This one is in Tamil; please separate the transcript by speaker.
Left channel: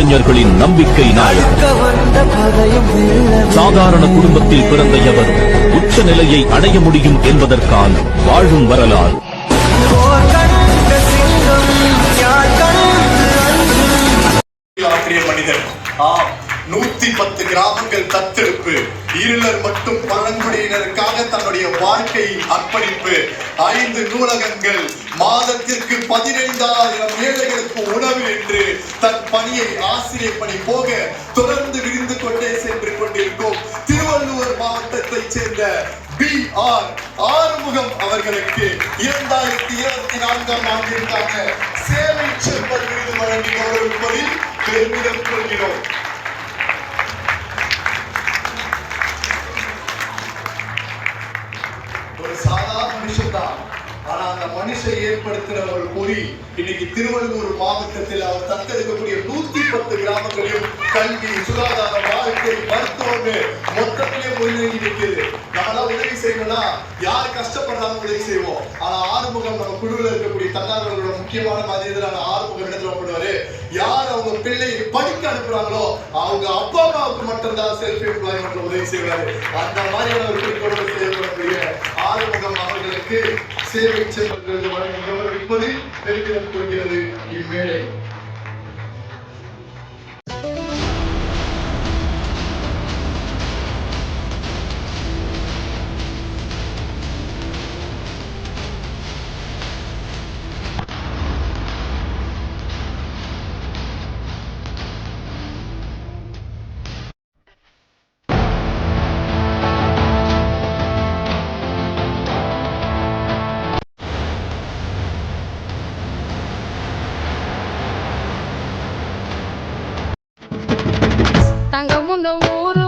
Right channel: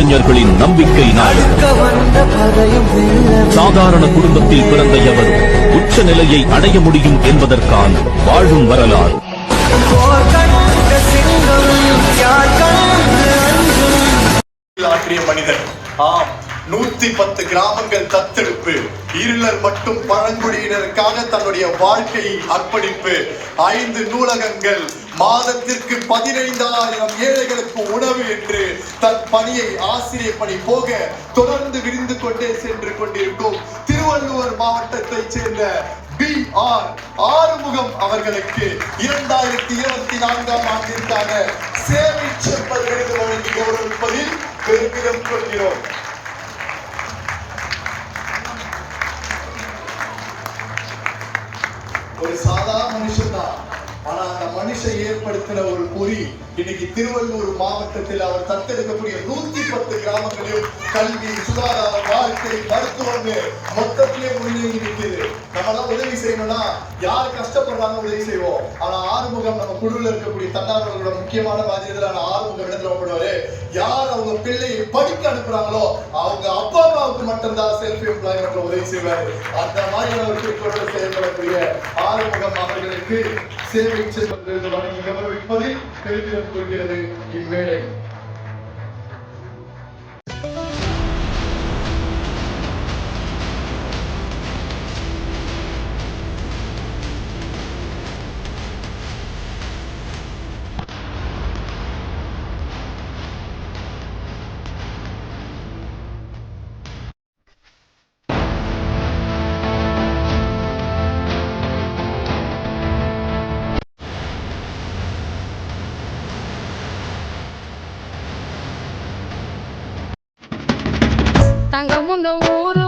Speaker 1: இளைஞர்களின் நம்பிக்கை நாயகர் சாதாரண குடும்பத்தில் பிறந்த எவரும் உச்ச நிலையை அடைய முடியும் என்பதற்கான வாழும் வரலாறு.
Speaker 2: ஆற்றிய மனிதன். ஆம். நூத்தி பத்து கிராமங்கள் தத்தெடுப்பு. இருளர் மட்டும் பழங்குடியினருக்காக தன்னுடைய வாழ்க்கையை அர்ப்பணிப்பு. ஐந்து நூலகங்கள் மாதத்திற்கு பதினைந்தாயிரம் ஏழைகளுக்கு உணவு என்று தன் பணியை ஆசிரியர் பணி போக தொடர்ந்து விரிந்து கொண்டே சென்று கொண்டிருக்கும் திருவள்ளூர் மாவட்டத்தைச் சேர்ந்த பி ஆர் ஆறுமுகம் அவர்களுக்கு இரண்டாயிரத்தி இருபத்தி நான்காம் ஆண்டிற்கான சேவை செல்வர் விருது வழங்கி கௌரவிப்பதில் பெருமிதம் கொள்கிறோம். ஒரு சாதாரண மனுஷன் தான் ஆனா அந்த மனுஷன் ஏற்படுத்தின ஒரு பொறி இன்னைக்கு திருவள்ளூர் மாவட்டத்தில் அவர் தத்தெடுக்கக்கூடிய நூத்தி பத்து கிராமங்களையும் கல்வி சுகாதாரம் வாழ்க்கை மருத்துவம்னு மொத்தத்திலே முன்னேறி இருக்குது நம்மளாம் உதவி செய்யணும்னா யார் கஷ்டப்படுறாங்க உதவி செய்வோம். ஆனா ஆறுமுகம் நம்ம குழுவில் இருக்கக்கூடிய தன்னார்வலர்களோட முக்கியமான பாதியதான ஆறுமுகம் இடத்துல போடுவாரு யார் அவங்க பிள்ளையை படிக்க அனுப்புறாங்களோ அவங்க அப்பா அம்மாவுக்கு மட்டும்தான் செல்ஃப் எம்ப்ளாய்மெண்ட்ல உதவி செய்வாரு. அந்த மாதிரியான ஒரு குறிக்கோளோடு செயல்படக்கூடிய ஆறுமுகம் அவர்களுக்கு சேவை செய்வது வழங்கி கௌரவிப்பது பெருமிதம் கொள்கிறது. இவ்வேளை
Speaker 3: தங்கம் இந்த ஊரு